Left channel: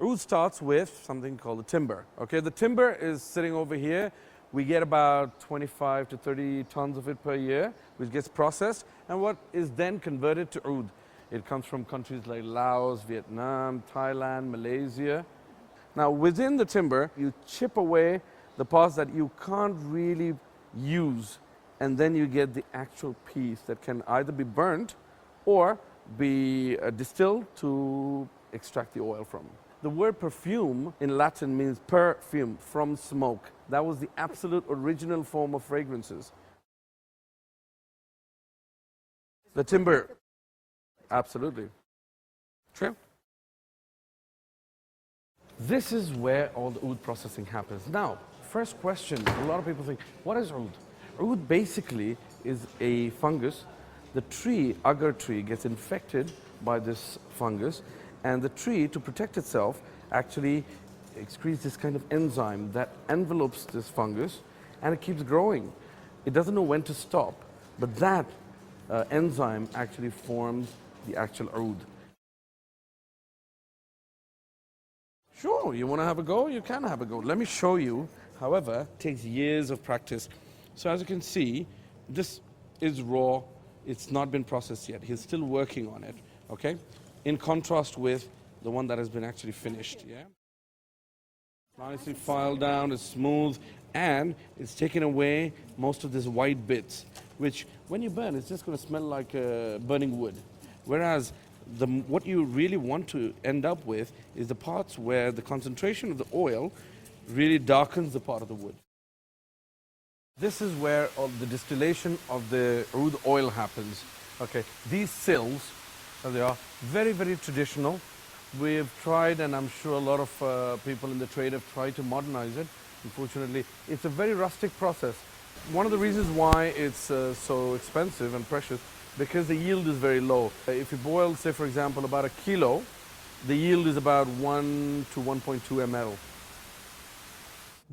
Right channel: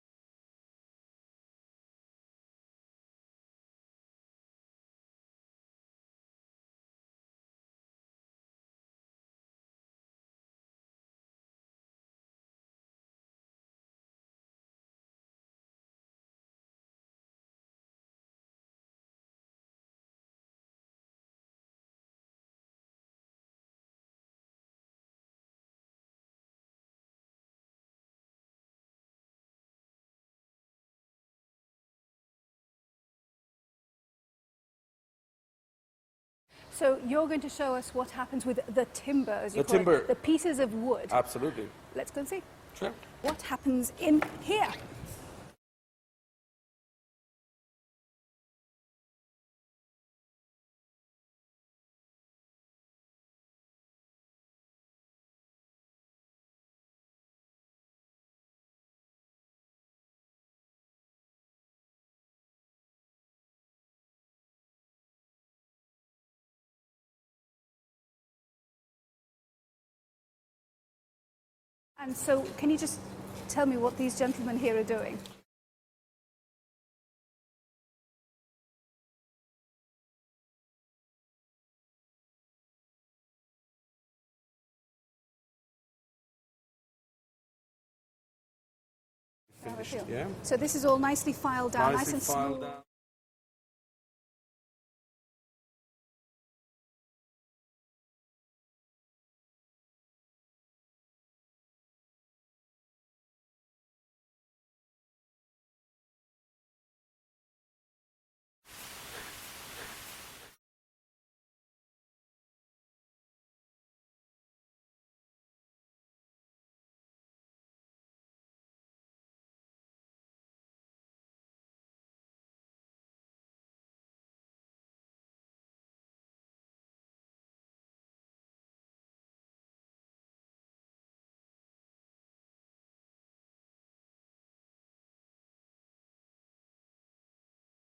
Oud starts with something called the timber. Okay, the timber is sitting over here. We get about 25 to 30 tons of it per year, which gets processed, and what is then converted to oud. It comes from countries like Laos, Vietnam, Thailand, Malaysia. Now, within the timber, you chip away the parts that you can't really use, and then you get the actual piece that can either be burnt or be distilled to extract the oil from. The word perfume in Latin means perfume, from smoke. That was the absolute original form of fragrances. So you're going to show us what happens with the timber, as you call timber. it, the pieces of wood. Absolutely. Let's go and see. Sure. What happens in here? This is where all the oud processing happens. Now, first question, a lot of people think, what is oud? Oud basically is a fungus. The tree, agar tree, gets infected by this fungus, and the tree, to protect itself, actually excretes this kind of enzyme that envelopes this fungus, and it keeps growing. It doesn't know when to stop, but that enzyme actually forms the actual oud. And so, can you just tell me what these gentlemen here are doing? Sure, you want to have a go? You can have a go. Let me show you. However, it takes years of practice. So as you can see, this is raw. It's not been processed yet. He's still working on it, okay? In contrast with the one that has been actually finished, yeah? So this is all nicely filed down, nice and smooth. Filed down, it's smooth, and it's taken away most of these white bits, which when you burn, it's just going to smell like burning wood. Whereas what you really want to end up with is the parts where the concentration of the oil really darkens the part of the wood. This is where all the distillation of the oud oil happens. Okay, these sills, as they are, very, very traditional. We've tried, and I'm sure a lot of people in the trade have tried to modernize it. Unfortunately, it's a very rustic process. One of the reasons why it's so expensive and precious, because the yield is very low. If you boil, say for example, about a kilo, the yield is about 1 to 1.2 ml.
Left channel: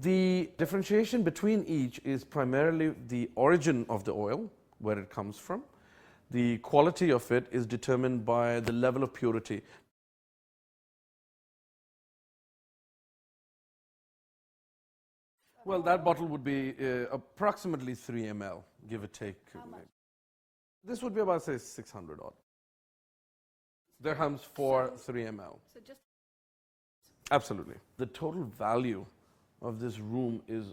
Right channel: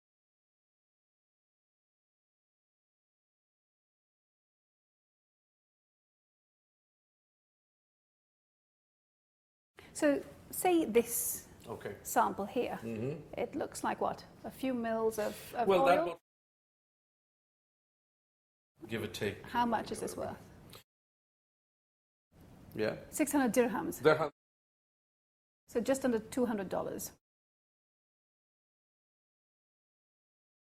The differentiation between each is primarily the origin of the oil, where it comes from. The quality of it is determined by the level of purity. So, say this sample here. It looks like what? A few mils of well, oil? that bottle would be approximately 3 ml, give or take. How much is this worth? This would be about, say, 600 odd. Yeah. 600 dirhams. Dirhams for 3 ml. So just under $200. Absolutely. The total value of this room is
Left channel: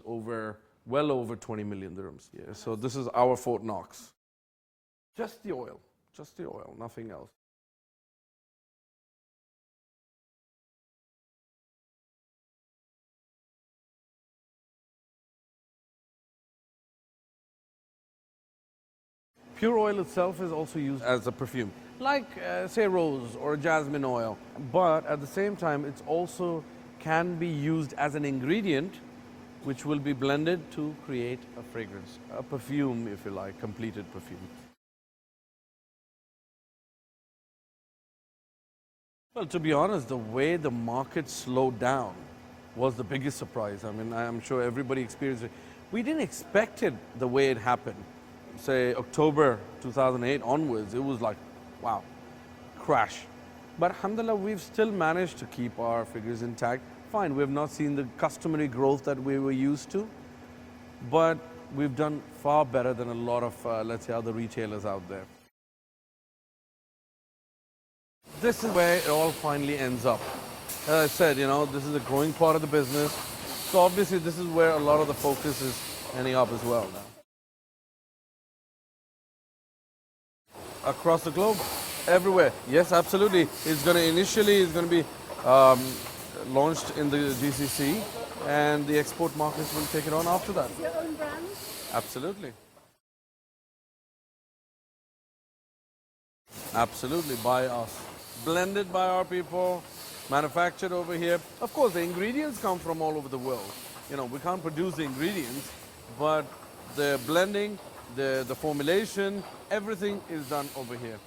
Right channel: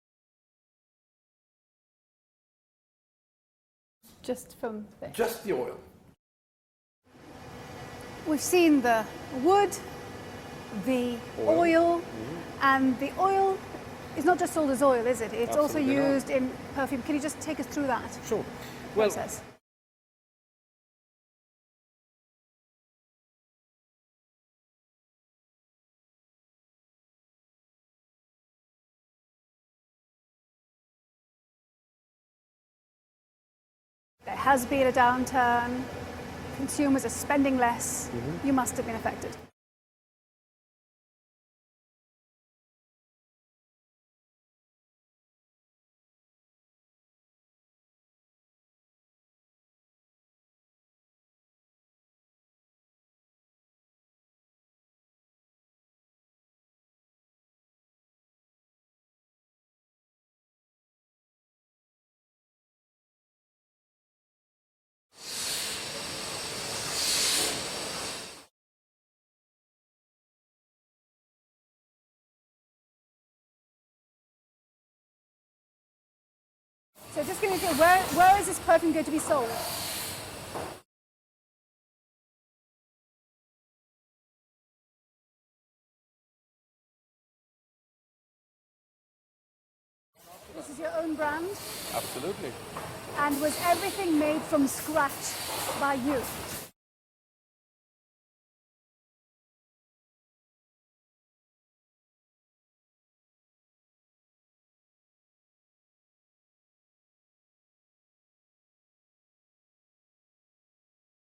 well over 20 million dirhams. Yeah. So this is our Fort Knox. Just from this? Just the oil. Just the oil, nothing else. We've seen the wood, the oil, and the oil is not just sold as oil, is it? It's also used in perfume. Can you just take us through that? Sure. Well, pure oil itself is also used as a perfume, like say rose or jasmine oil. But at the same time, it's also can be used as an ingredient which will be blended to create a fragrance, a perfume, if you like, completed perfume. There has been a downturn. Consumers are spending less. You must have been affected. Well, to be honest, the way the market slowed down was the biggest surprise. I mean, I'm sure everybody experienced it. We didn't expect it the way it happened. Say October 2008 onwards, it was like, wow, crash. But alhamdulillah, we've still managed to keep our figures intact. Fine, we have not seen the customary growth that we were used to, but we've done far better than a lot of, let's say, other retailers out there. This is where it all finally ends up. As I said, you know, this is a growing part of the business. So obviously this is where a lot of the focus is ending up as well. So just give me a feel, where is this perfume going to be sold? Across the globe, everywhere. Yes, absolutely. It's going to be launched in the GCC, and the export markets will take it on after that. This is your own brand? Absolutely. And was everything made from scratch by you? Absolutely, by us. Blended by our people, manufactured over here. Of course, the ingredients come from all over the world. You know, we can't produce the ingredients, but the blending, the formulation, everything is done over here.